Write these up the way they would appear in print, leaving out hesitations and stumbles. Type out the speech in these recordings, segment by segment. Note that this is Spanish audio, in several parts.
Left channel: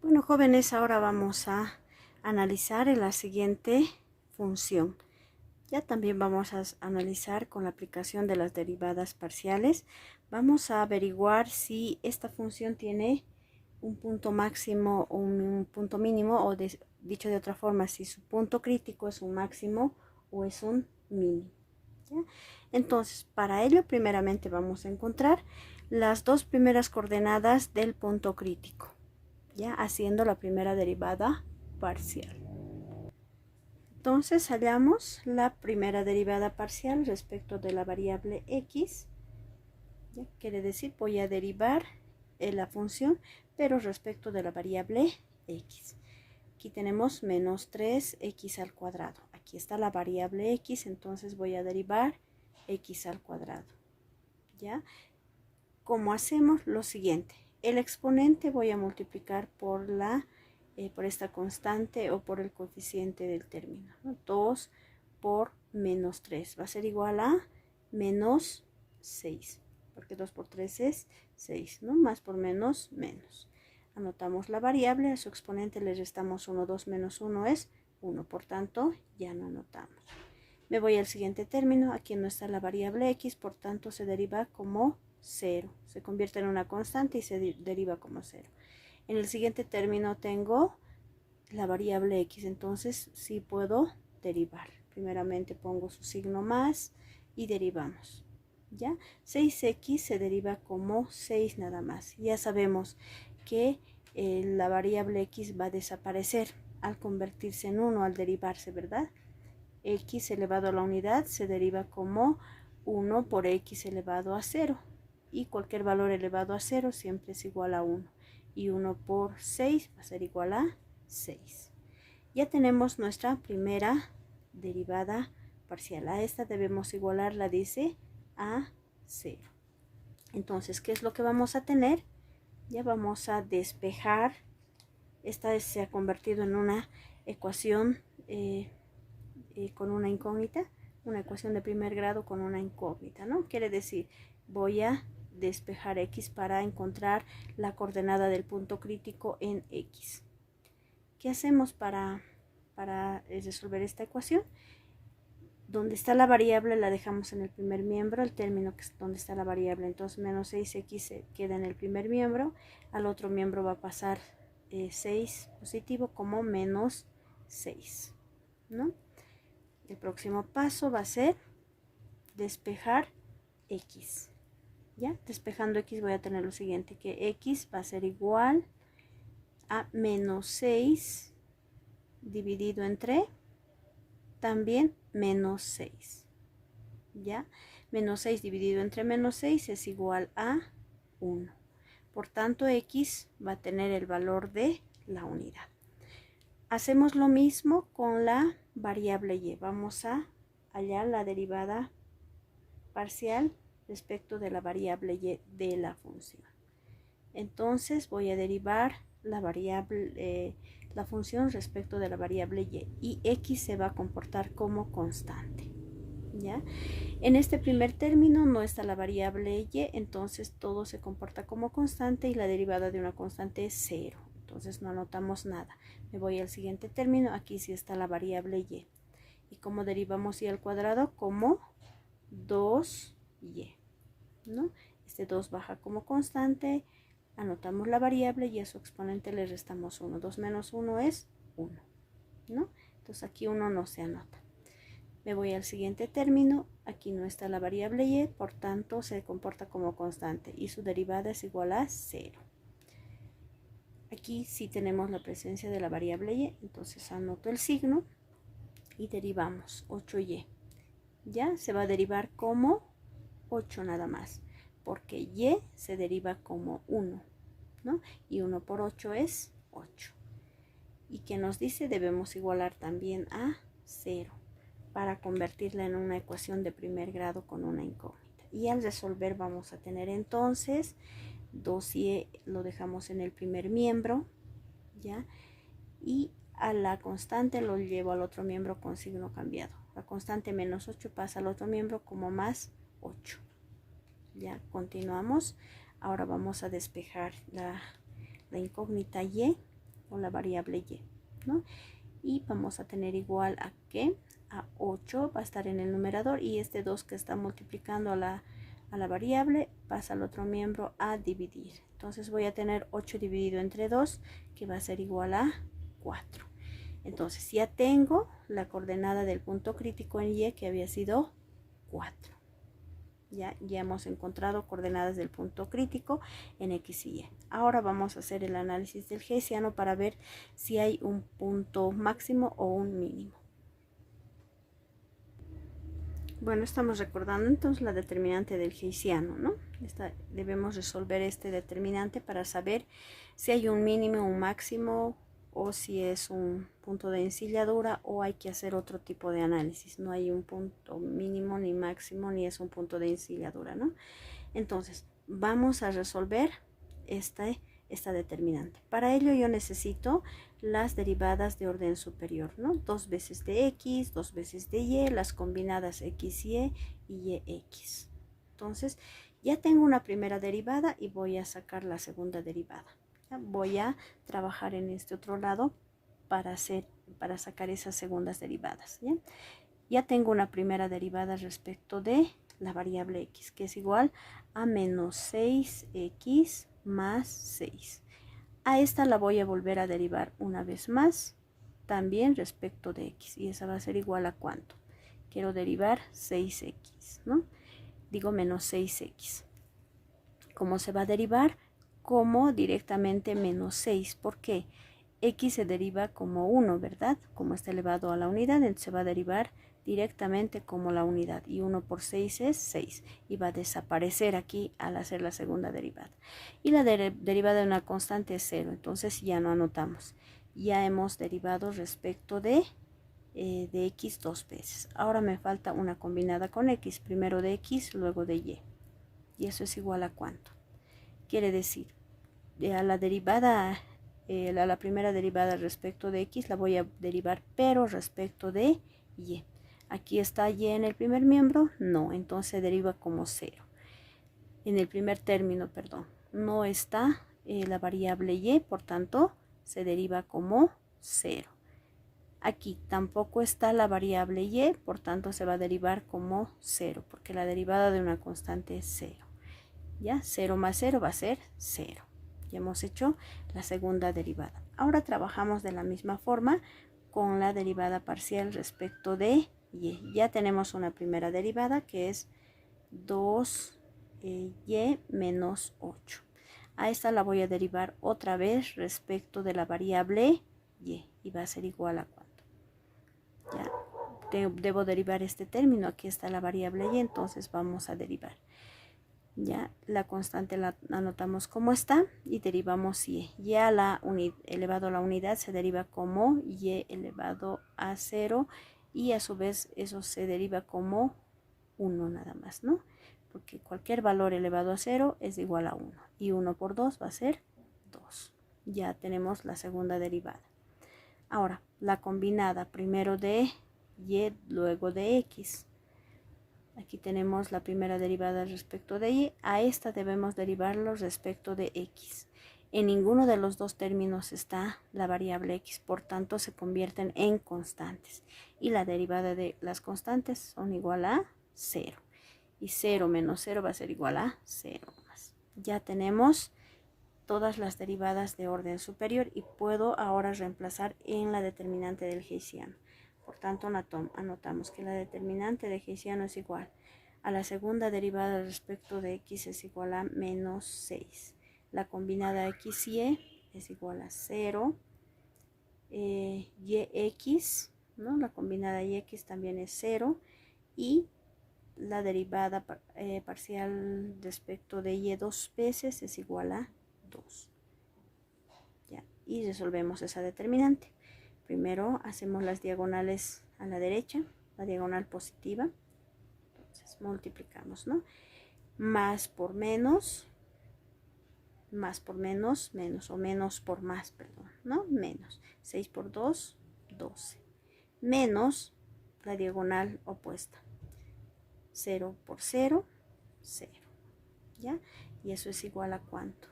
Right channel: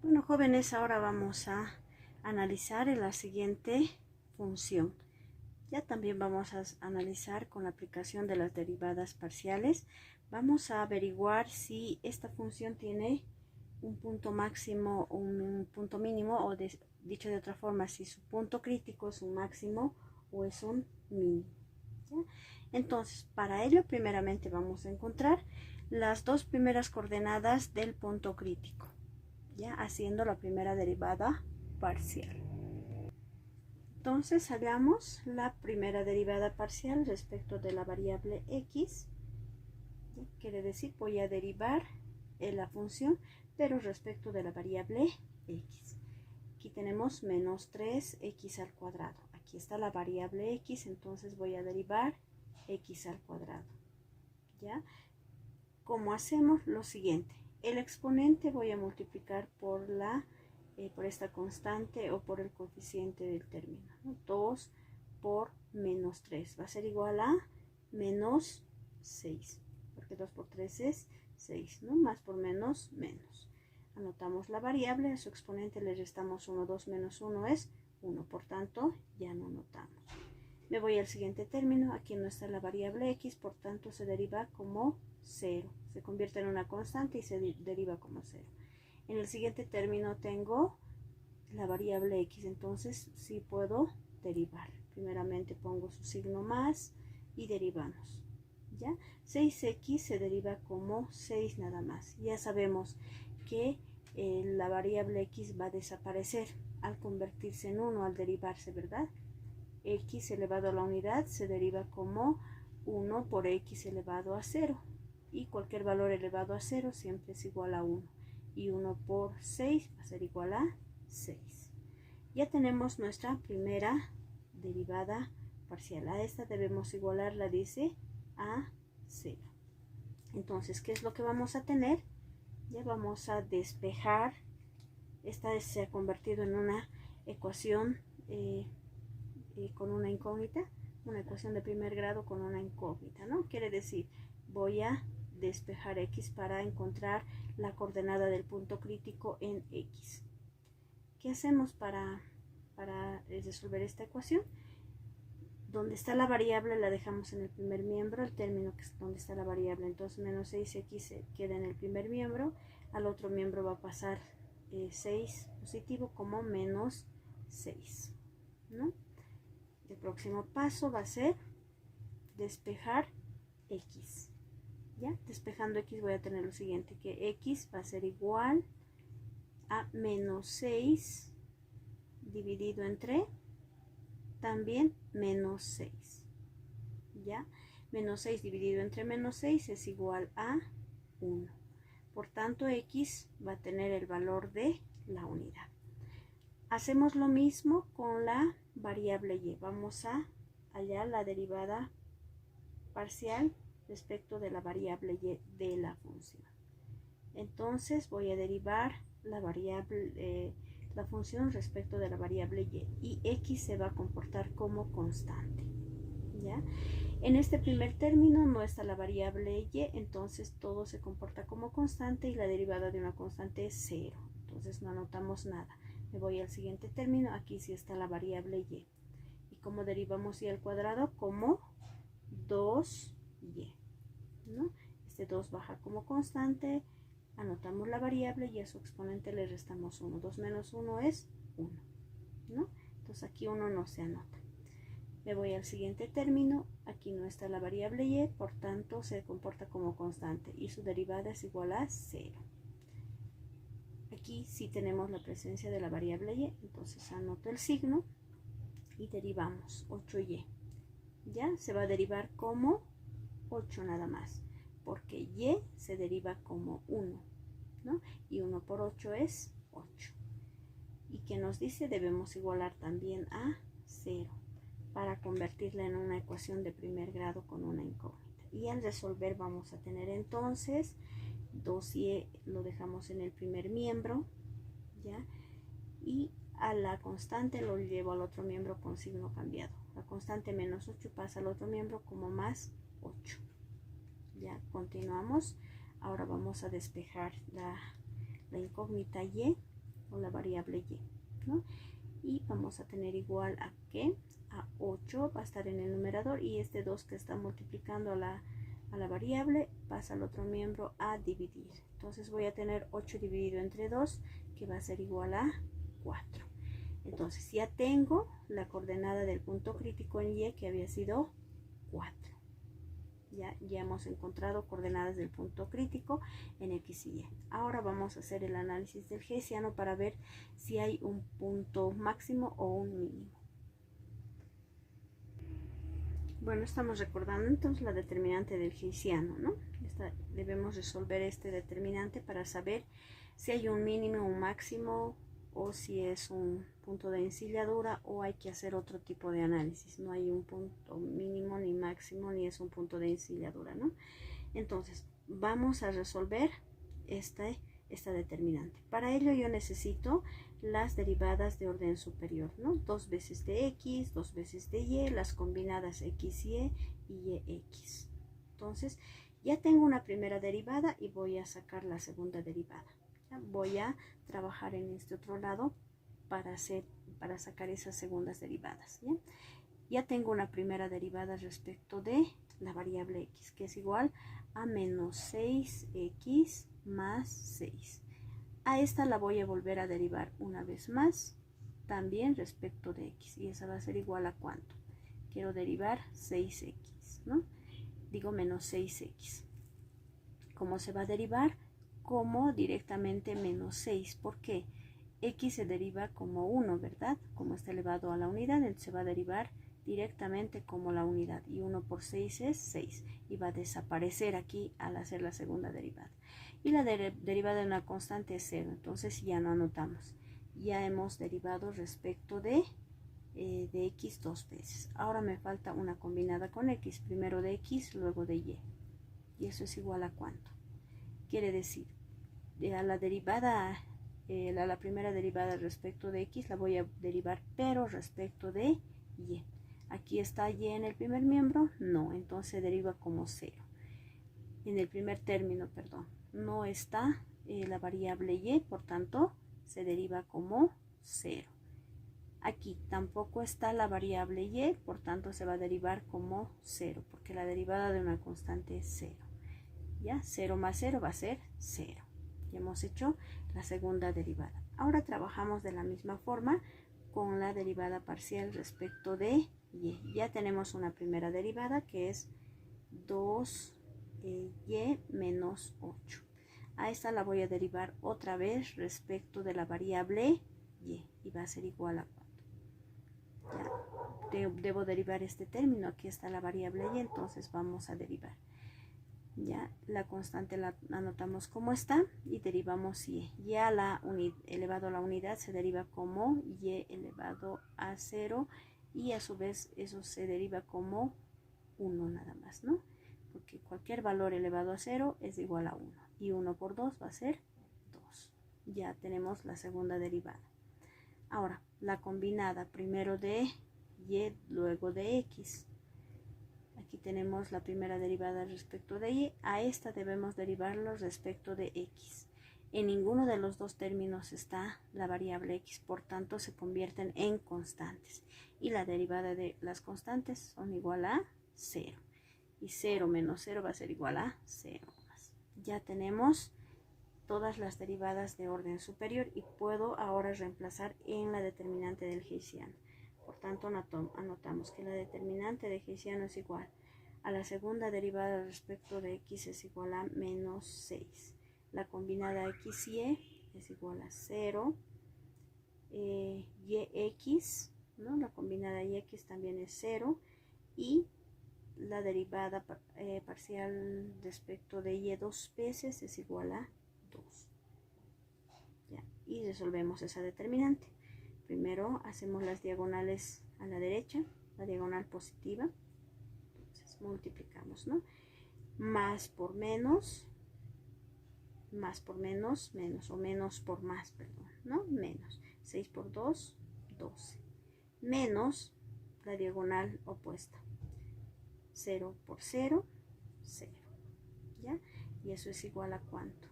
Bueno, jóvenes, ahora vamos a analizar la siguiente función. Ya también vamos a analizar con la aplicación de las derivadas parciales. Vamos a averiguar si esta función tiene un punto máximo o un punto mínimo, o dicho de otra forma, si su punto crítico es un máximo o es un mínimo. ¿Ya? Entonces, para ello, primeramente vamos a encontrar las dos primeras coordenadas del punto crítico, ya haciendo la primera derivada parcial. Entonces hallamos la primera derivada parcial respecto de la variable x. ¿Ya? Quiere decir, voy a derivar la función, pero respecto de la variable x. Aquí tenemos menos 3x al cuadrado. Aquí está la variable x, entonces voy a derivar x al cuadrado. ¿Ya? ¿Cómo hacemos? Lo siguiente. El exponente voy a multiplicar por esta constante o por el coeficiente del término, ¿no? 2 por menos 3 va a ser igual a menos 6, porque 2 por 3 es 6, ¿no? Más por menos, menos. Anotamos la variable, a su exponente le restamos 1, 2 menos 1 es 1, por tanto ya no anotamos. Me voy al siguiente término, aquí no está la variable x, por tanto se deriva como 0, se convierte en una constante y se deriva como 0. En el siguiente término tengo la variable x, entonces sí puedo derivar. Primeramente pongo su signo más y derivamos. ¿Ya? 6x se deriva como 6 nada más. Ya sabemos que la variable x va a desaparecer al convertirse en 1, al derivarse, ¿verdad? X elevado a la unidad se deriva como 1 por x elevado a 0. Y cualquier valor elevado a 0 siempre es igual a 1. Y 1 por 6 va a ser igual a 6. Ya tenemos nuestra primera derivada parcial. A esta debemos igualarla, dice, a 0. Entonces, ¿qué es lo que vamos a tener? Ya vamos a despejar. Esta se ha convertido en una ecuación con una incógnita, una ecuación de primer grado con una incógnita, ¿no? Quiere decir, voy a despejar x para encontrar la coordenada del punto crítico en x. ¿Qué hacemos para resolver esta ecuación? Donde está la variable la dejamos en el primer miembro, el término que es donde está la variable, entonces menos 6x se queda en el primer miembro, al otro miembro va a pasar 6 positivo como menos 6, ¿no? El próximo paso va a ser despejar x. ¿Ya? Despejando x voy a tener lo siguiente, que x va a ser igual a menos 6 dividido entre también menos 6. ¿Ya? Menos 6 dividido entre menos 6 es igual a 1. Por tanto, x va a tener el valor de la unidad. Hacemos lo mismo con la variable y. Vamos a hallar la derivada parcial respecto de la variable y de la función. Entonces voy a derivar la variable, la función respecto de la variable y x se va a comportar como constante. ¿Ya? En este primer término no está la variable y, entonces todo se comporta como constante y la derivada de una constante es 0. Entonces no anotamos nada. Me voy al siguiente término, aquí sí está la variable y. ¿Y cómo derivamos y al cuadrado? Como 2y, ¿no? Este 2 baja como constante, anotamos la variable y a su exponente le restamos 1. 2 menos 1 es 1, ¿no? Entonces aquí 1 no se anota. Me voy al siguiente término, aquí no está la variable y, por tanto se comporta como constante y su derivada es igual a 0. Aquí sí tenemos la presencia de la variable y, entonces anoto el signo y derivamos 8y. Ya se va a derivar como 8 nada más, porque y se deriva como 1, ¿no? Y 1 por 8 es 8. ¿Y qué nos dice? Debemos igualar también a 0 para convertirla en una ecuación de primer grado con una incógnita. Y al resolver vamos a tener entonces 2y lo dejamos en el primer miembro, ¿ya? Y a la constante lo llevo al otro miembro con signo cambiado. La constante menos 8 pasa al otro miembro como más 8. Ya continuamos. Ahora vamos a despejar la incógnita y. o la variable y, ¿no? Y vamos a tener igual a que a 8 va a estar en el numerador y este 2 que está multiplicando a la variable pasa al otro miembro a dividir. Entonces voy a tener 8 dividido entre 2 que va a ser igual a 4. Entonces ya tengo la coordenada del punto crítico en y que había sido 4. Ya hemos encontrado coordenadas del punto crítico en X y Y. Ahora vamos a hacer el análisis del Hessiano para ver si hay un punto máximo o un mínimo. Bueno, estamos recordando entonces la determinante del Hessiano, ¿no? Debemos resolver este determinante para saber si hay un mínimo, un máximo, o si es un punto de encilladura, o hay que hacer otro tipo de análisis. No hay un punto mínimo ni máximo, ni es un punto de encilladura, ¿no? Entonces, vamos a resolver esta determinante. Para ello yo necesito las derivadas de orden superior, ¿no? 2 veces de x, 2 veces de y, las combinadas x y x. Entonces, ya tengo una primera derivada y voy a sacar la segunda derivada. ¿Ya? Voy a trabajar en este otro lado para sacar esas segundas derivadas. ¿Ya? Ya tengo una primera derivada respecto de la variable x, que es igual a menos 6x más 6. A esta la voy a volver a derivar una vez más, también respecto de x, y esa va a ser igual a ¿cuánto? Quiero derivar 6x, ¿no? Digo menos 6x. ¿Cómo se va a derivar? Como directamente menos 6. ¿Por qué? X se deriva como 1, ¿verdad? Como está elevado a la unidad, entonces se va a derivar directamente como la unidad. Y 1 por 6 es 6. Y va a desaparecer aquí al hacer la segunda derivada. Y la derivada de una constante es 0. Entonces ya no anotamos. Ya hemos derivado respecto de x 2 veces. Ahora me falta una combinada con x. Primero de x, luego de y. Y eso es igual a ¿cuánto? Quiere decir, a la derivada, a la primera derivada respecto de x la voy a derivar, pero respecto de y. Aquí está y en el primer miembro, no, entonces se deriva como 0. En el primer término, perdón, no está la variable y, por tanto, se deriva como 0. Aquí tampoco está la variable y, por tanto, se va a derivar como 0, porque la derivada de una constante es 0. ¿Ya? 0 más 0 va a ser 0. Ya hemos hecho la segunda derivada. Ahora trabajamos de la misma forma con la derivada parcial respecto de y. Ya tenemos una primera derivada que es 2y menos 8. A esta la voy a derivar otra vez respecto de la variable y va a ser igual a ¿cuánto? Ya debo derivar este término. Aquí está la variable y, entonces vamos a derivar. Ya la constante la anotamos como está y derivamos y. Y a la elevado a la unidad se deriva como y elevado a 0 y a su vez eso se deriva como 1 nada más, ¿no? Porque cualquier valor elevado a 0 es igual a 1 y 1 por 2 va a ser 2. Ya tenemos la segunda derivada. Ahora, la combinada primero de y, luego de x. Aquí tenemos la primera derivada respecto de y. A esta debemos derivarlo respecto de x. En ninguno de los dos términos está la variable x, por tanto se convierten en constantes. Y la derivada de las constantes son igual a 0. Y 0 menos 0 va a ser igual a 0 más. Ya tenemos todas las derivadas de orden superior y puedo ahora reemplazar en la determinante del Hessiano. Por tanto, anotamos que la determinante de Hessiano es igual a la segunda derivada respecto de x es igual a menos 6. La combinada x y es igual a 0. Yx, ¿no? La combinada yx también es 0. Y la derivada parcial respecto de y 2 veces es igual a 2. ¿Ya? Y resolvemos esa determinante. Primero hacemos las diagonales a la derecha, la diagonal positiva. Entonces multiplicamos, ¿no? Más por menos, menos o menos por más, perdón, ¿no? Menos. 6 por 2, 12. Menos la diagonal opuesta. 0 por 0, 0. ¿Ya? Y eso es igual a ¿cuánto?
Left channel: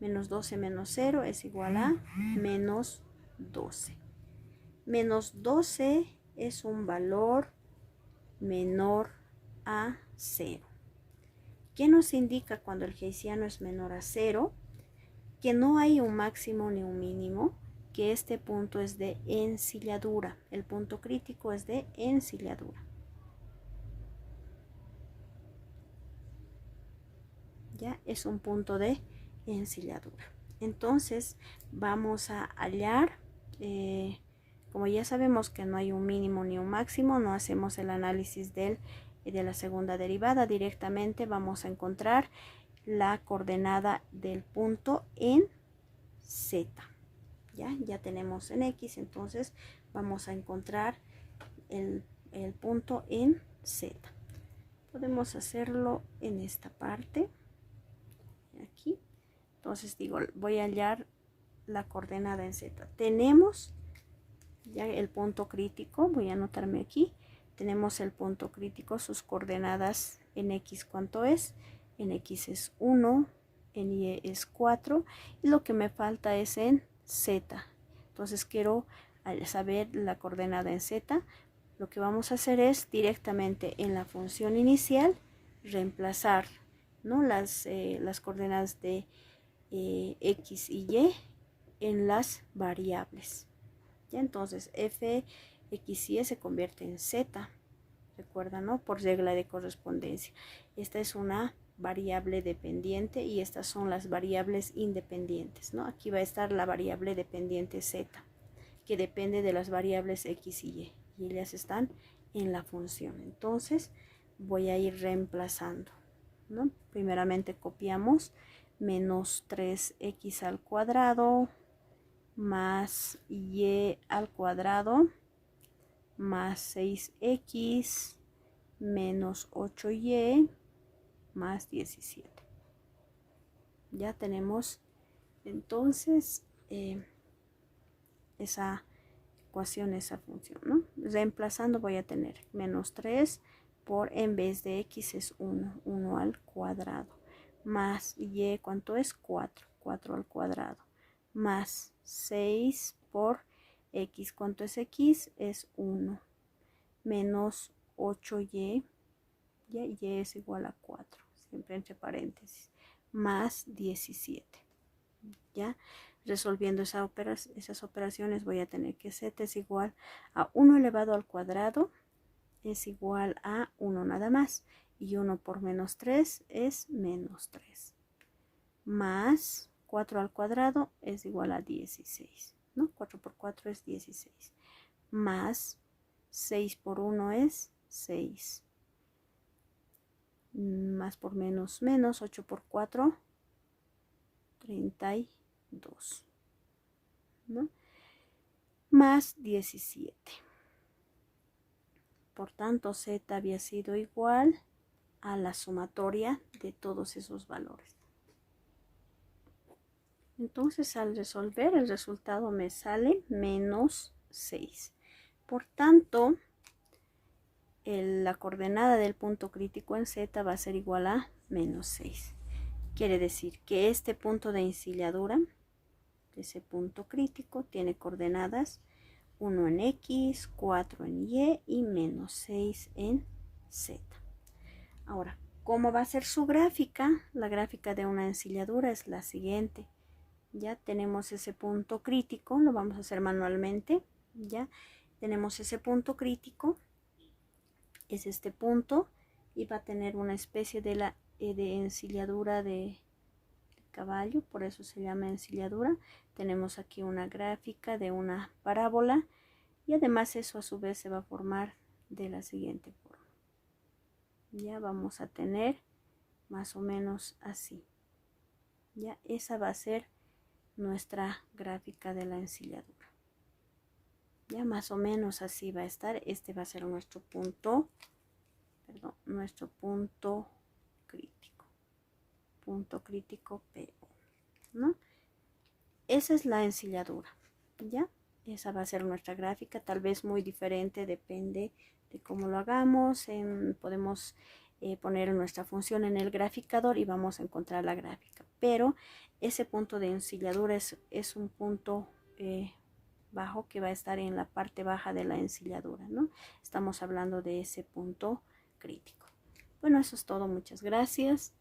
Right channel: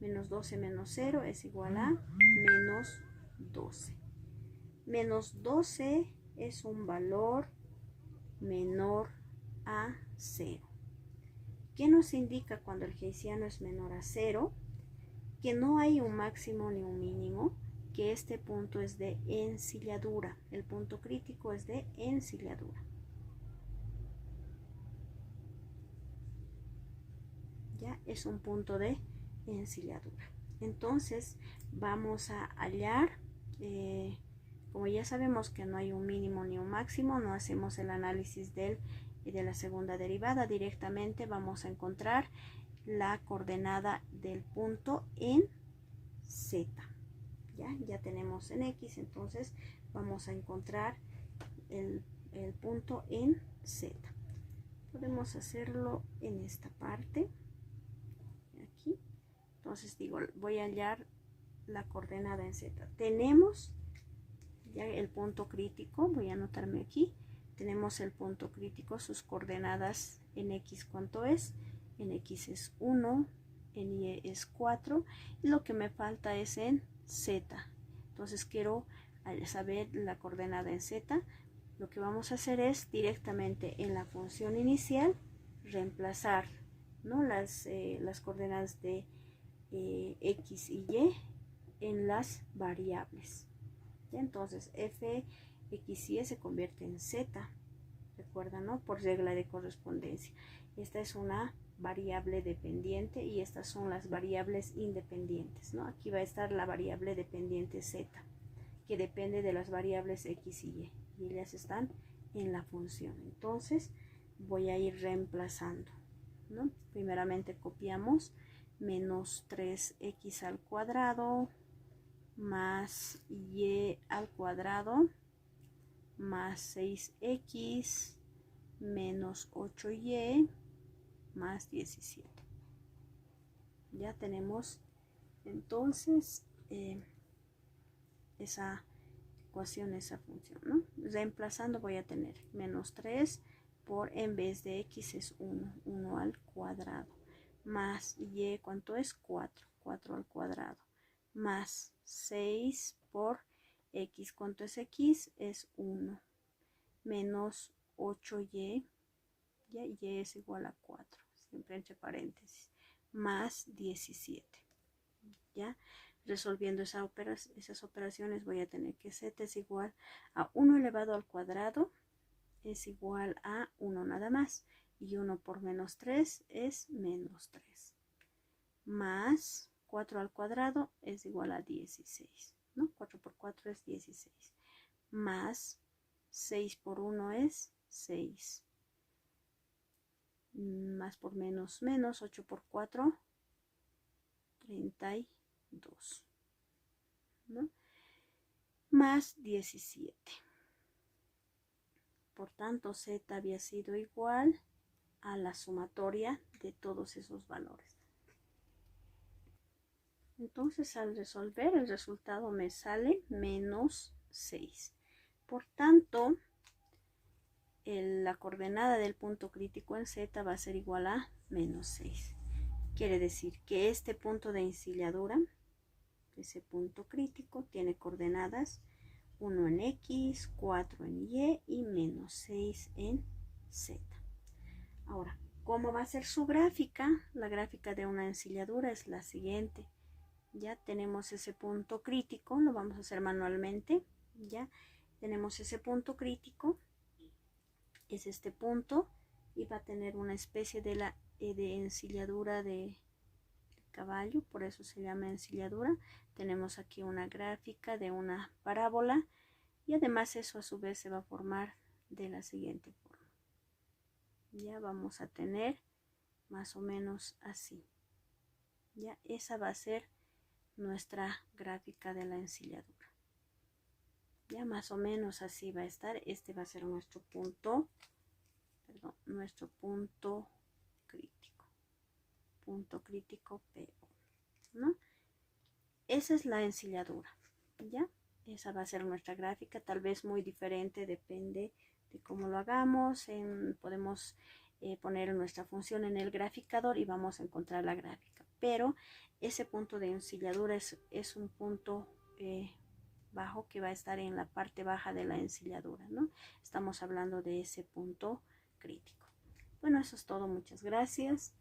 Menos 12 menos 0 es igual a menos 12. Menos 12 es un valor menor a 0. ¿Qué nos indica cuando el hessiano es menor a 0? Que no hay un máximo ni un mínimo, que este punto es de ensilladura. El punto crítico es de ensilladura. Ya es un punto de ensilladura. Entonces vamos a hallar, como ya sabemos que no hay un mínimo ni un máximo, no hacemos el análisis de la segunda derivada. Directamente vamos a encontrar la coordenada del punto en Z. Ya tenemos en X, entonces vamos a encontrar el punto en Z. Podemos hacerlo en esta parte, aquí. Entonces digo, voy a hallar la coordenada en Z. Tenemos ya el punto crítico, voy a anotarme aquí. Tenemos el punto crítico, sus coordenadas en X, ¿cuánto es? En X es 1, en Y es 4, y lo que me falta es en Z. Entonces quiero saber la coordenada en Z. Lo que vamos a hacer es directamente en la función inicial reemplazar, ¿no?, las coordenadas de X y Y en las variables. ¿Ya? Entonces f, x y y se convierte en z, recuerda, ¿no?, por regla de correspondencia. Esta es una variable dependiente y estas son las variables independientes, ¿no? Aquí va a estar la variable dependiente z, que depende de las variables x y ellas están en la función. Entonces voy a ir reemplazando, ¿no? Primeramente copiamos menos 3x al cuadrado más y al cuadrado más 6x menos 8y más 17. Ya tenemos entonces esa ecuación, esa función, ¿no? Reemplazando voy a tener menos 3 por, en vez de x es 1 al cuadrado, más y, ¿cuánto es? 4 al cuadrado, más 6 por x, ¿cuánto es x? Es 1, menos 8y, ya, y es igual a 4, siempre entre paréntesis, más 17, ¿ya? Resolviendo esas operaciones voy a tener que z es igual a 1 elevado al cuadrado es igual a 1 nada más, y 1 por menos 3 es menos 3, más 4 al cuadrado es igual a 16, ¿no? 4 por 4 es 16, más 6 por 1 es 6, más por menos menos, 8 por 4, 32, ¿no? Más 17. Por tanto, z había sido igual a la sumatoria de todos esos valores. Entonces, al resolver, el resultado me sale menos 6. Por tanto, la coordenada del punto crítico en z va a ser igual a menos 6. Quiere decir que este punto de ensilladura, ese punto crítico, tiene coordenadas 1 en x, 4 en y menos 6 en z. Ahora, ¿cómo va a ser su gráfica? La gráfica de una ensilladura es la siguiente. Ya tenemos ese punto crítico, lo vamos a hacer manualmente. Ya tenemos ese punto crítico, es este punto, y va a tener una especie de ensilladura de caballo, por eso se llama ensilladura. Tenemos aquí una gráfica de una parábola, y además eso a su vez se va a formar de la siguiente forma. Ya vamos a tener más o menos así. Ya esa va a ser nuestra gráfica de la ensilladura. Ya más o menos así va a estar. Este va a ser nuestro punto, nuestro punto crítico PO, ¿no? Esa es la ensilladura, ¿ya? Esa va a ser nuestra gráfica, tal vez muy diferente, depende de cómo lo hagamos. Podemos poner nuestra función en el graficador y vamos a encontrar la gráfica, pero ese punto de ensilladura es un punto bajo que va a estar en la parte baja de la ensilladura, ¿no? Estamos hablando de ese punto crítico. Bueno, eso es todo. Muchas gracias.